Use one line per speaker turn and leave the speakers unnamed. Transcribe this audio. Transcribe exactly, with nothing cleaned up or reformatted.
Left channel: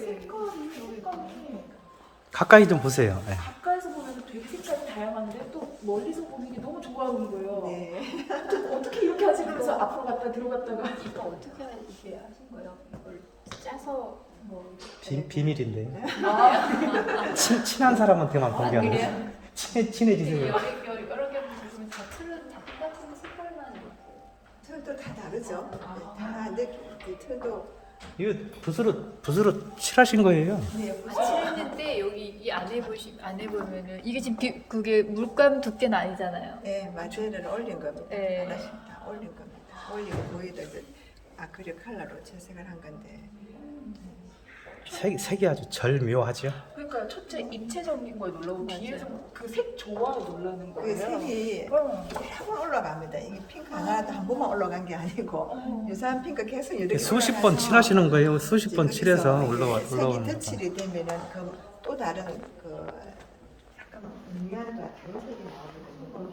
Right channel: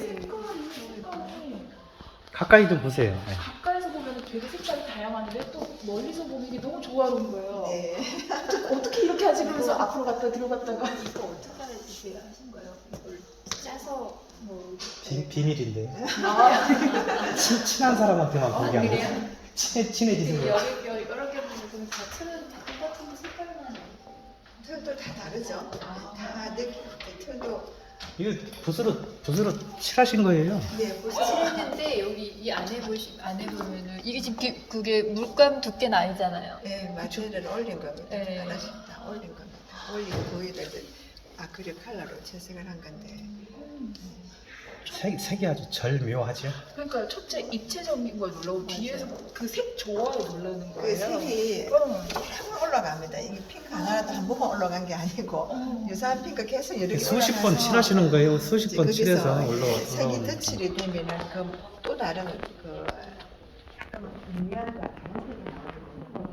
색깔이 색감이
가까이 좀 보세요. 네.
가까이서 보면 되게 색감이 다양한데 또 멀리서 보는 게 너무 조화로운 거예요.
네.
어떻게, 어떻게 이렇게 하지? 그래서 앞으로 갔다 뒤로 갔다가
이거 어떻게 이렇게 하신 거예요? 이걸 짜서 뭐
비, 비밀인데.
아,
친, 친한 사람한테만 공개하는
그래요?
거예요. 친해, 친해지세요.
여러 개 여러 개 보면 다 틀은 다 똑같은 색깔만
톤도 다 다르죠. 네, 다 느낌, 네, 톤도
이거 붓으로, 붓으로 칠하신 거예요.
네, 무슨
칠했는데 여기 이 안에 보시 안에 보면은 이게 지금 비, 그게 물감 두께는 아니잖아요.
네, 마테리얼을 올린 겁니다.
네.
하나씩 다 올린 겁니다. 올리고 거기다 이제 아크릴 컬러로 채색을 한 건데.
색, 색이 아주 절묘하죠.
그러니까 첫째 입체적인 걸 놀라고 뒤에서 그 색 조화에 놀라는
그
거예요.
색이
응.
여러 번 올라갑니다. 이게 핑크 하나라도 한 번만 올라간 게 아니고 유사한 핑크 계속 이렇게
수십
올라가서
번 칠하시는 거예요. 수십
이제
번
거기서
칠해서
이제
올라와.
색이
올라오는
터치를 되면은 그 또 다른 그 약간 음미함과 다른 색이 나오거든요.